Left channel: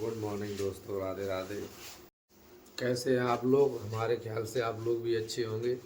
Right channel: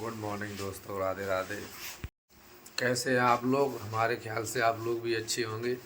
Good morning दोस्तों, राधे राधे। कैसे हैं आप लोग? हमारे ख्याल से आप लोग भी अच्छे होंगे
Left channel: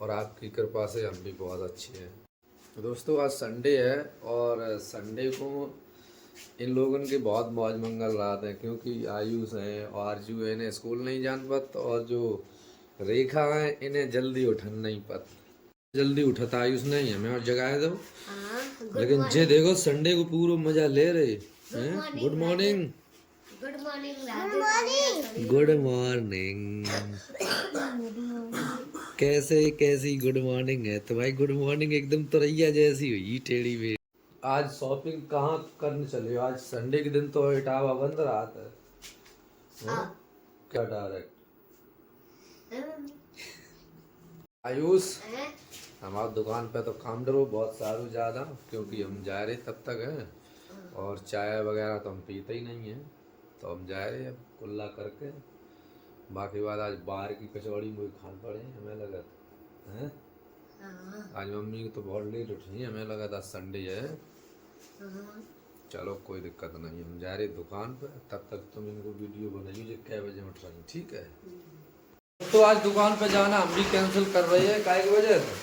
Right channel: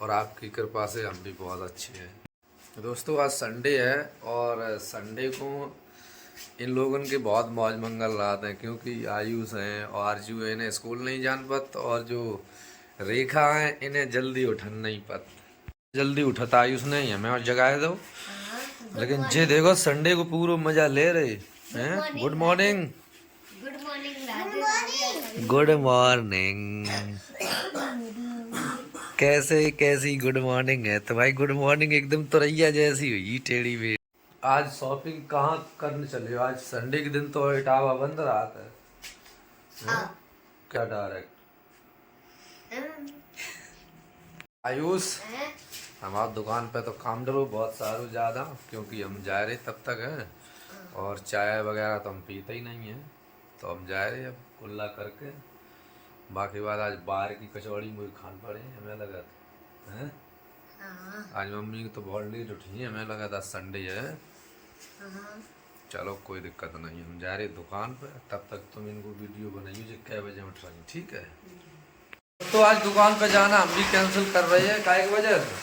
और आपकी कृपा से हम भी बहुत अच्छे हैं। दोस्तों आज संडे है और संडे को इन लोगों के बहुत मौज मंगल रात है, क्योंकि आयुष हैं और आरजू इन्हें स्कूल नहीं जान पत और जो रेखा है इन्हें जल्दी उठन नहीं पत। जल्दी उठता आयुष नहीं हमें और जगाए दो, लेकिन जे देखो संडे को पूरा मजा ले रहे हैं। Good morning, good morning. Good morning. कैसी गुड मॉर्निंग है? तो भाई गुड मॉर्निंग एकदम तुरैया जैसी हुई टेढ़ी मेढ़ी। आज शॉपिंग कहाँ करने चले हो? आज संडे के दिन तो इटावा बंद रहा था। क्या डायरेक्ट आयुष हमारी दुकान पे तो काम डरो बहुत सारू ज़्यादा, क्योंकि हम जा रहे तब तक हैं और चाय वगैरह तो हम पीते ही नहीं हैं, तो हम जा रहे अब कुल्ला करके। बाकी बात आज बाहर की कचौड़ी मुझे खान पड़े हमें लगा हैं। आज मम्मी तो बहुत लेट उठी, हमें लगा था संडे है। चलो कोई दिक्कत नहीं, हम जा रहे दुकान पे। तब तक तुम इनको वीडियो बनाइए जो कै बजे उठ रही, ठीक है? तो आज दुकान पे जाना हम भी कैंसिल कर रहे हैं। काय की वजह से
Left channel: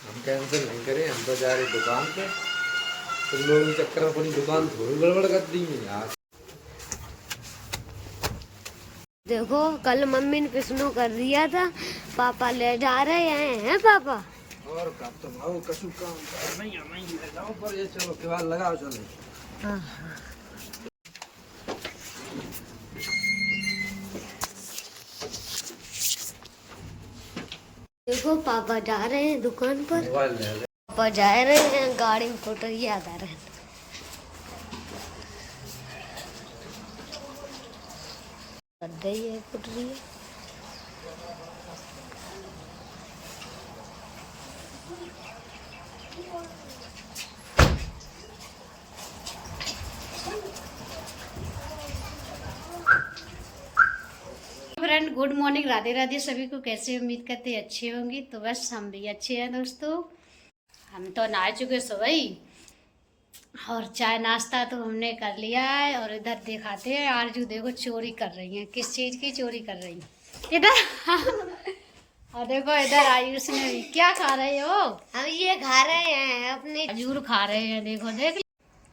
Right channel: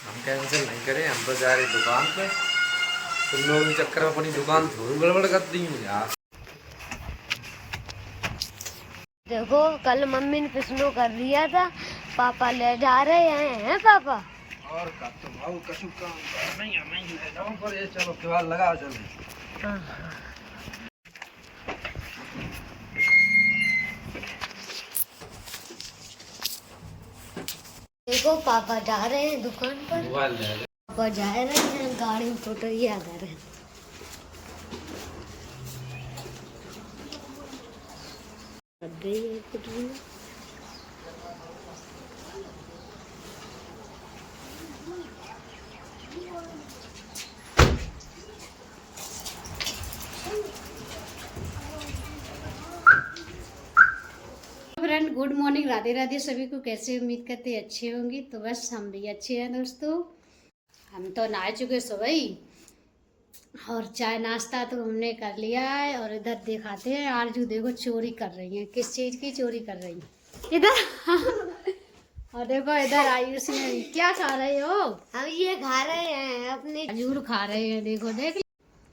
हम कैंसिल नहीं करें, हम तो जा रहे दुकान पे। तुम लोग इस चक्कर में अपनी दुकान थोड़ी गड़बड़ कर दी है यार। देखो कल मम्मी ने किसनो कर दिया था, पापा ले जा रहे हैं पापा। और का तो भाव कछु काम नहीं हमें ले जाओ पर ये चलो केवाल लगाओ चलो। देखो पापा जा रहे हैं दुकान पर। पापा जा रहे हैं, गाड़ी में फोटो याद आ रहे हैं। गई है फुट रही है। Friend good morning, Radhe Radhe सभी को। कैसे उम्मीद करते अच्छे होंगे। तो बस हम भी अच्छे हैं दोस्तों। हम तो नहा चुके सुबह ही और चाय नाश्ता तो हमने कर लिया है। और इधर दिखाते हैं आरजू देखो चोरी कर रही हैं। किस चीज़ की चोरी कर रही हैं इधर। और देखो इधर आयुष ने भी। क्या खा रहे हो? हम ये खा रहे हैं अपने खजूर खा रहे हैं, देखो देख।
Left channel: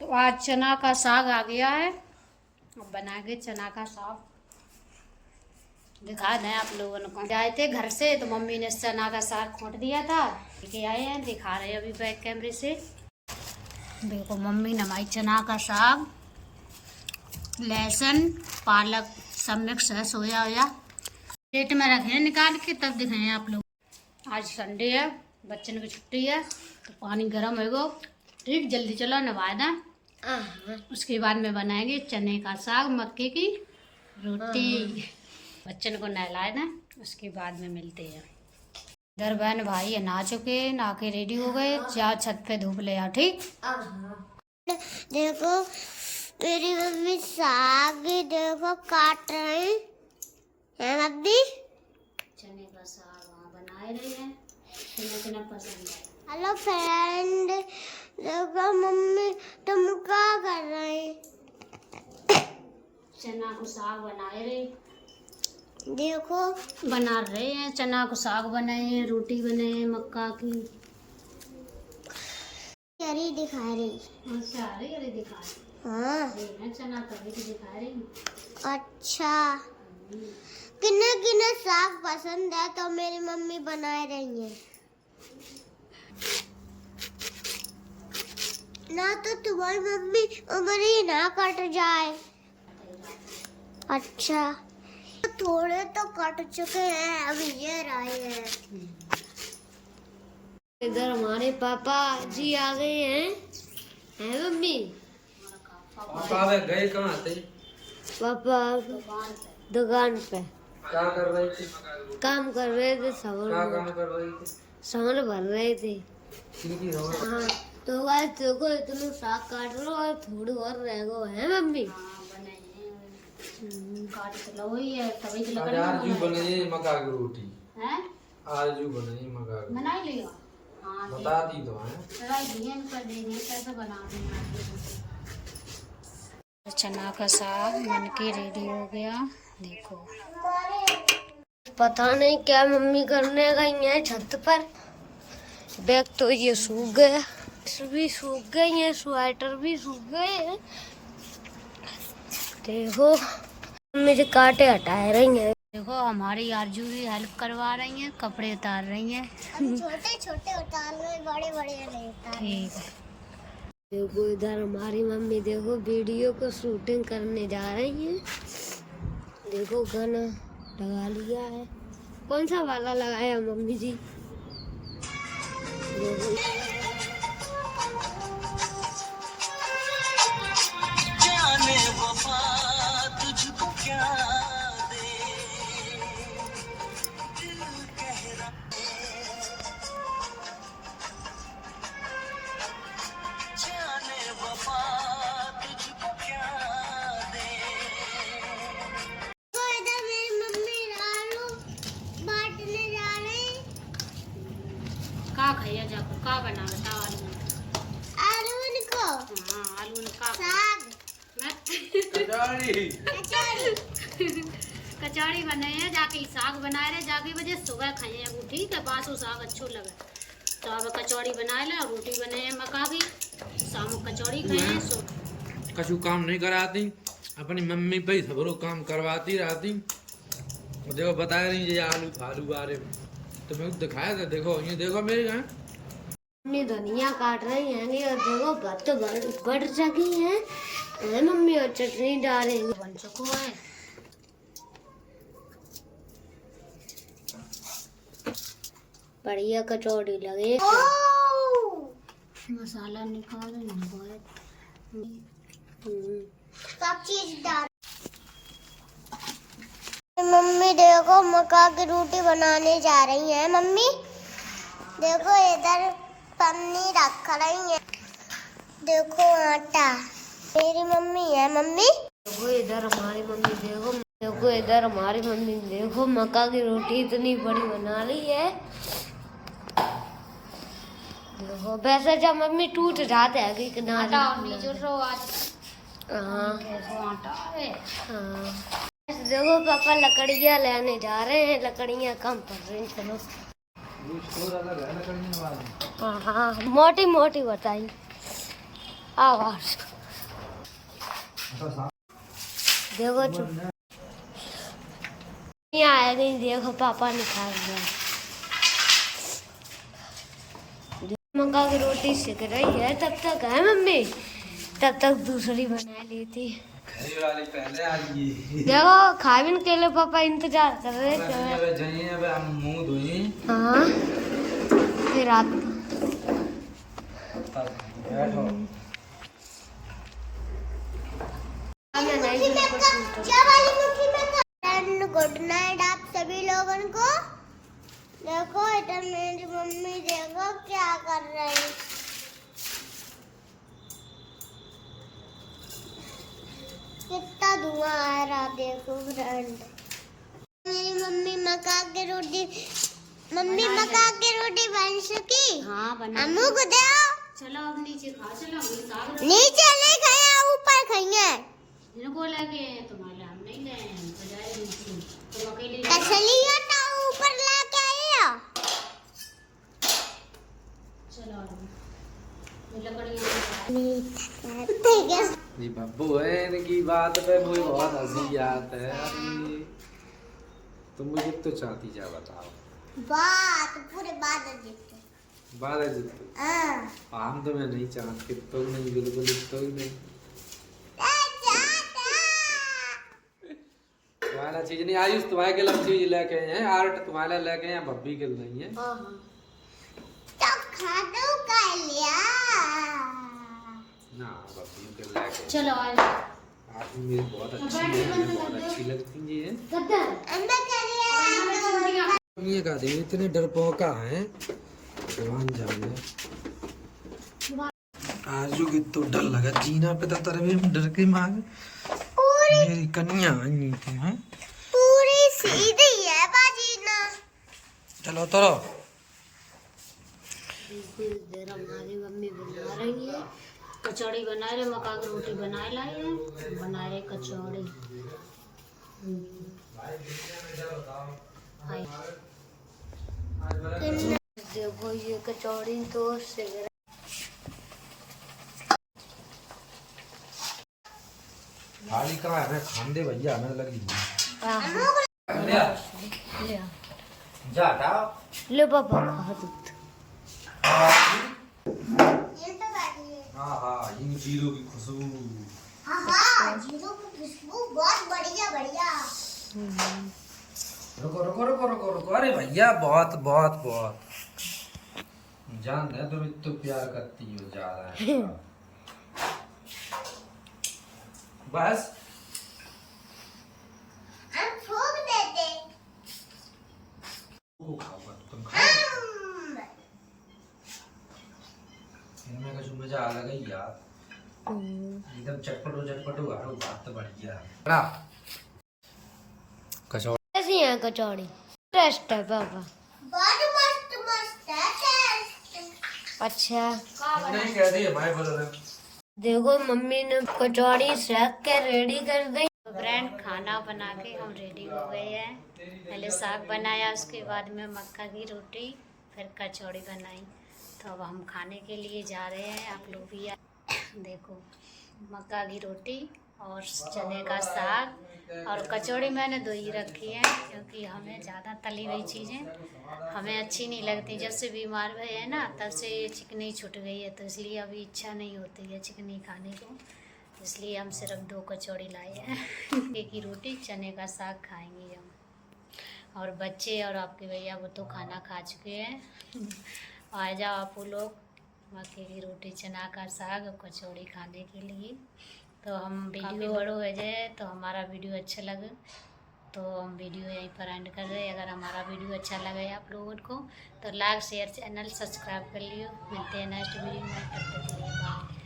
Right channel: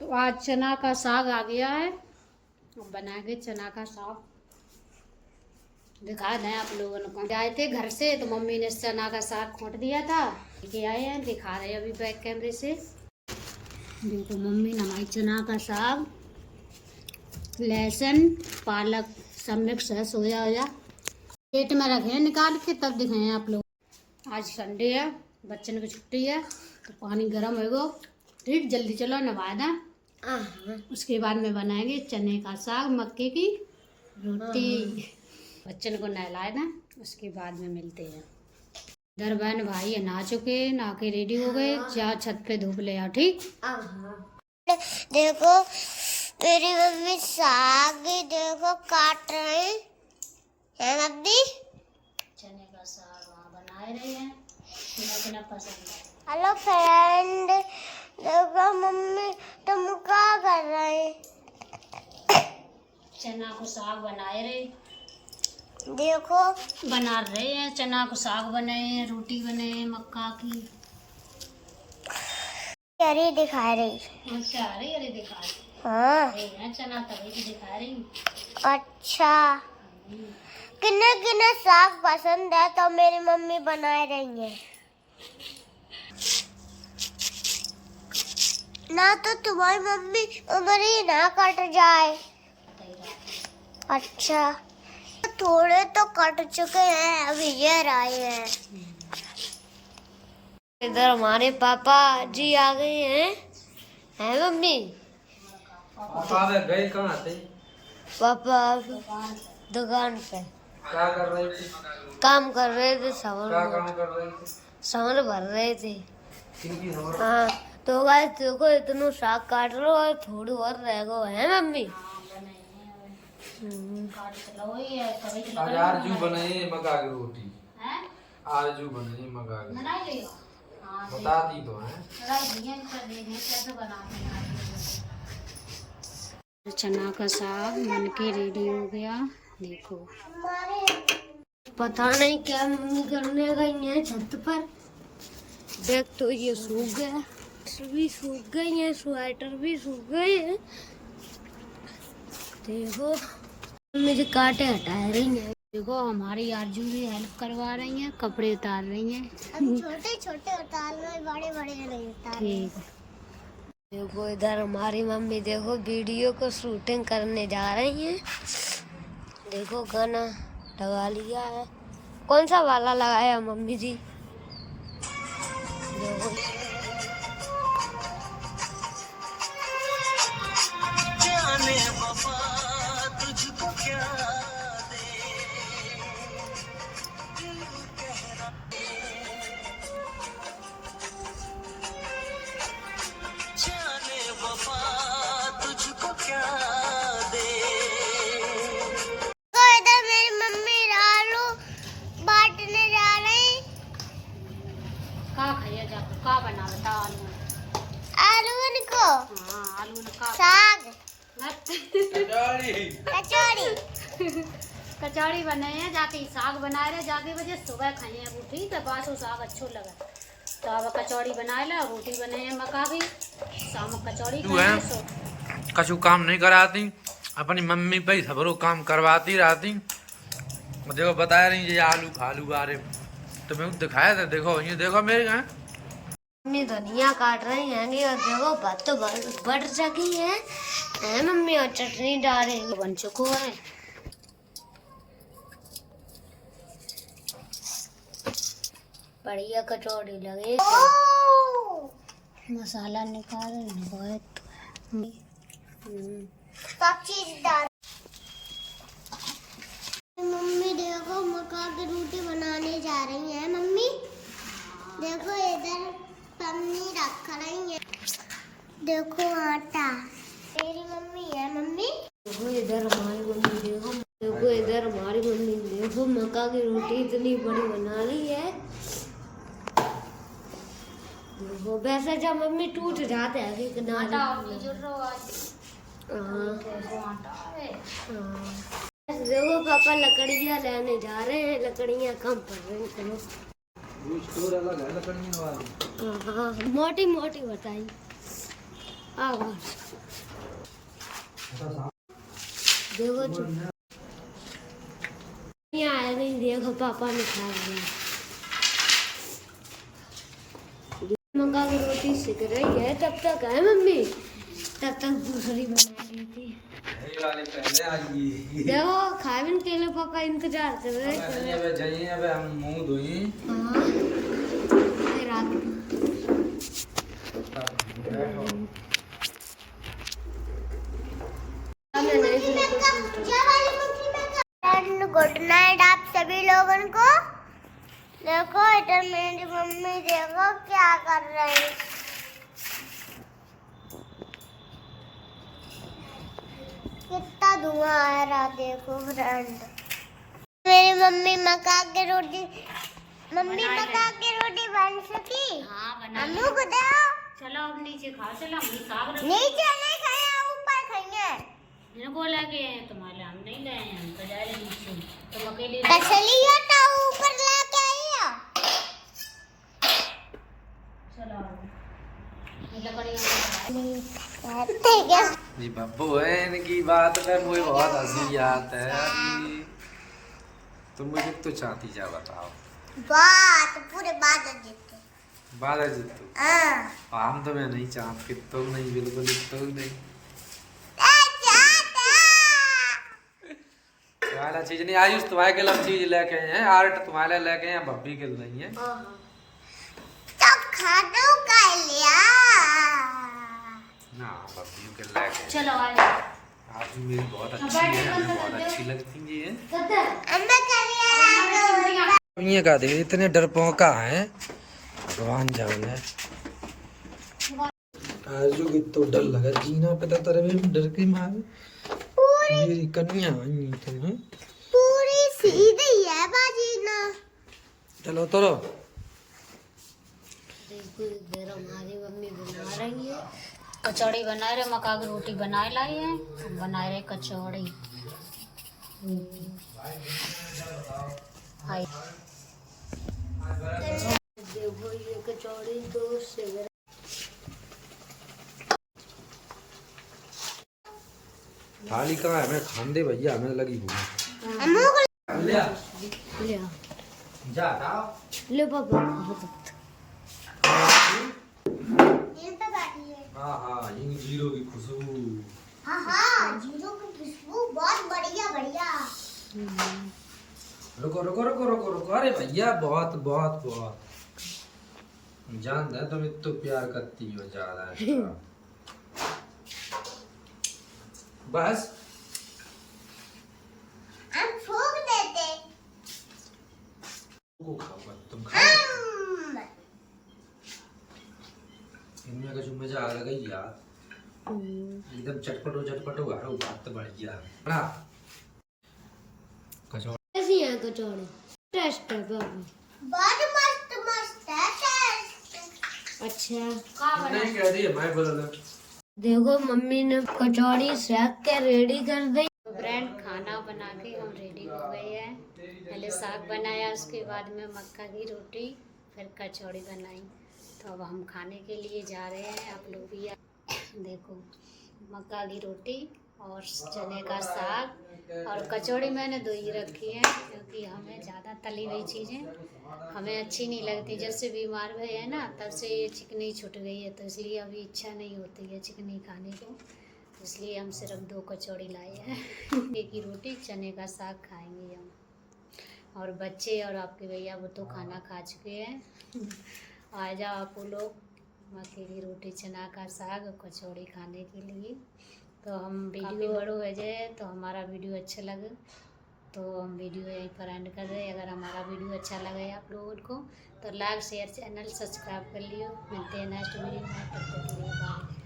तो आज चना का साग आ गया है, बनाएंगे चना का साग। दिखा दें आप लोगों को। आए थे घर से तो मम्मी ने चना का साग खोट दिया था, लेके आए हैं, दिखा रहे हैं अभी बैक कैमरे से। देखो मम्मी ने हमारी चना का साग, लहसुन पालक सब मिक्स है, सोया होया प्लेट में रखे हैं निकाल के, तब दिखाए आप लोग। आज संडे है, बच्चन की छुट्टी है, तो पानी गर्म होगा। ठीक, जल्दी चलो नहा दें। उसके बाद में बनाएंगे चने का साग, मक्के की रोटी। बच्चन को नहलाए ना, उसके बाद में मिलते हैं। इधर बहन भाई नहा चुके, नहा के रेडी हो गए। जाओ छत पे धूप ले आओ, ठीक। देखो मेरी मम्मी साग देखो काट रहे हैं मम्मी। चने का साग बनाए रहे हैं, तुम्हें पसंद है। हेलो फ्रेंड, देखो मम्मी तुम क्या कर रहे हैं? चना को साग बनाए रहे, देखो बना रहे हैं। चना को साग बनाए हैं, रोटी बनाए हैं मक्का की। अरे दिखा रही। अच्छा, अरे दिखा रही। हाँ है चना तभी तो दिखा रही। अच्छा, किन्ने किन्ने साग पसंद है तो मेरी मम्मी बनाए रही है ना, तो तुम्हारी मम्मी उंगली ना कट जाए। अच्छा, थोड़े तो कट चुके हैं, अभी ये रहे हैं। इधर हमारे पापा जी आ गए हैं मम्मी? पापा वे गए कहाँ थे? पापा दुकान पे क्या कर रही थी? काम कर रहे थे, क्या काम कर रही थी? सामान भर रहे थे। किनकी सामान? हाँ तो गाइस देखो इतना साग काट लो और थोड़ी और रह गो है मम्मी। आज आरजू बनाई मक्का की रोटी। आरजू बनाई मक्का की, बताती तो है। चना का साग बन के रेडी हो गया। देखो पता नहीं क्या मम्मी करने गई है छत पर। बैग तो ये सूख गया, भी सूख गई है, स्वेटर भी सूख गए हैं। देखो मुझे कांटे हटा रही है। देखो हमारी आरजू भी हेल्प करवा रही है, कपड़े उतार रही हैं। छोटे छोटे उतार रहे, बड़े बड़े नहीं उतार रहे। ठीक है। देखो इधर हमारी मम्मी देखो वीडियो को शूटिंग करने जा रही है। देखो गाना लगा लिया है। कौन सा वाला लगाया मम्मी जी? देखो जाने वफा तुझको क्या दे, दिल कह रहा जाने वफा तुझको क्या दे। तो इधर मेरी मम्मी आलू बांटने जा रही। का खाइए जाको का बना लो ता आलू आलू इनको हाँ आलू ने का साग कचौड़ी। कचौड़ी कचौड़ी बनाए हैं, जाके साग बनाए रहे, जाके वजह सुबह खाए हैं। वो ठीक है बास वो साग अच्छो लगा तो अब कचौड़ी बनाए ला, रोटी बनाए हैं मका की, शाम को कचौड़ी तू खाए है? हैं, सो कछु काम नहीं कराती, अपनी मम्मी पे ही सबरो काम करवाती रहती। देखो बताया नहीं ये आलू फालू आ रहे तो मैं दिखाया था। देखो ये देखो मेरे यहाँ मम्मी धनिया काट रही हैं और देखो बात तो बढ़ सकी है मम्मी, और चटनी डाल रही है। बन चुको है। बढ़िया कचौड़ी लगे। मसाला निकाल बहुत सब चीज डाल। मम्मी देखो मक्का की रोटी बनाने जा रही है। मम्मी देखो इधर पन्नी रख रही है। देखो आटा मेरी मम्मी है। मम्मी देखो इधर हमारी मम्मी देखो, देखो इधर हमारी मम्मी देखो मक्का की रोटी इतनी बड़ी बना रही है। देखो वैसे जब मम्मी टूट जाते है कि किनारे हाँ हाँ। देखो पापा लकड़ियाँ लेने जा रहे हैं, लकड़ियाँ कम पड़ रही हैं। चलो अलग है लकड़ियाँ वाली। हाँ हाँ मोटी मोटी बताई आवाज। देखो यहाँ आ गई, देखो पापा निकाल रहे। मक्का की रोटी सिक रही है तब तक है मम्मी, तब तक दूसरी बना ली थी। वाली पहले आई। देखो खाविन के लिए पापा इंतजार कर रहे थे। अब हम मुंह धोई। हाँ ये रात गुड नाइट आप सभी लोगों को। देखो इधर मेरी मम्मी देखो क्या कर रही। कितना धुआं आ रहा देखो फ्रेंड। मेरी मम्मी मक्का की रोटी बन सकी। हाँ बना अम्मू को दो। चलो अब नीचे खाओ। चलो हम साग नीचे नहीं खाए ऊपर खाएंगे। इनको लगे तुम्हारे हम नहीं लाए, हम तो जा रहे नीचे, तुम अकेले कसलिया तो ऊपर लाके आइयो। चलो ये लकड़ियाँ ठीक है। जी बब्बू है इनकी बात पे मुझे बहुत हंसी आती है। तुम मुझे तो चाहती जा बताओ। बात पूरे बात देते। बात जीतू हम तो मैं नहीं चाहती तो नहीं, बिल्कुल तो नहीं। तुम्हारा चीज नहीं आयुष, तुम्हारे के लिए चीज लेके आए हैं, आर्ट तुम्हारे लेके हैं, बब्बी के नहीं है। तो खादो का लिया ना बब्बी के लेके। चलो आप मेरी बहुत अच्छी है, हमें बहुत अच्छी लगती है। अम्मा कर लिया। ये का दे इतने डरपोका हैं, भगवान जाने। आजू की तो डर लगा जीना पे, तो तेरे में डर के मारे मेरी कन्या आई तुम्हें पूरी सीधी है बाजी ना। चलो तरो। इधर हमारी मम्मी बना रही है कचौड़ी बनाए रहे, मक्का की रोटी बनाए लाई है, बनाए रहे कचौड़ी। देखो ये कचौड़ी तो से थाली कहाँ है? हमें खान दे भैया, हमें लगी हुई। ले आ। ले आओ, जा हटाओ। ले पापा खा दो। हाँ हाँ, इन जीरो की खुशबू। हाँ जीरो की खुशबू बहुत बढ़िया बढ़िया। रुको रुको रुको रुको रुको, अरे भैया बहुत बहुत बहुत जान दे, तुम इतना प्यार करती हो ज्यादा है। बस हम फूक देते। को खाओगा तुम, खाओ। इनमें कुछ मजा अलग है यार, एकदम चटपटो हरो बात बढ़िया। बड़ा कचौड़ी कैसी है कचौड़ी? टेस्ट है पापा। बहुत मस्त मस्त है टेस्ट। अच्छा नहीं कह रही है भाई, बदल। देखो मम्मी ने कचौड़ी सेक के रेडी कर दी। फ्रेंड खाना बना के हम रेडी हो गए हैं। पहले साग बनाया, उसके बाद में मक्का की रोटी, फिर कचौड़ी बनाई। तो अब हम खाने के लिए जा रहे हैं, आप लोग भी देखो मक्का की रोटी और चने का साग और कचौड़ी मैंने दो ही रखी है, क्योंकि हमें ज़्यादा तली हुई चीज़ें हमें अच्छी नहीं लगती। जब से बीमार हुए हैं ना, तब से चिकनी छूट गई है, तो इसलिए अभी इच्छा नहीं होती है चिकनी खाने को, इसलिए हम सिर्फ 2 कचौड़ी लाए हैं। मक्के की रोटी चने का साग खाएंगे हम, और बच्चे और आपके भैया वो तो खाना खा चुके हैं। आ जाओ आप लोग मक्के की रोटी चना का साग और कचौड़ी खाने के लिए। तो हम वीडियो बड़ो हो जाए, तो हमारा वीडियो अच्छा लगे तो हम वीडियो यहीं पर एंड कर रहे हैं। अगर हमारा वीडियो अच्छा लगे आप लोगों को तो लाइक शेयर चैनल सब्सक्राइब कर लियो। मिलते हैं नेक्स्ट वीडियो में, तब तक के लिए बाय।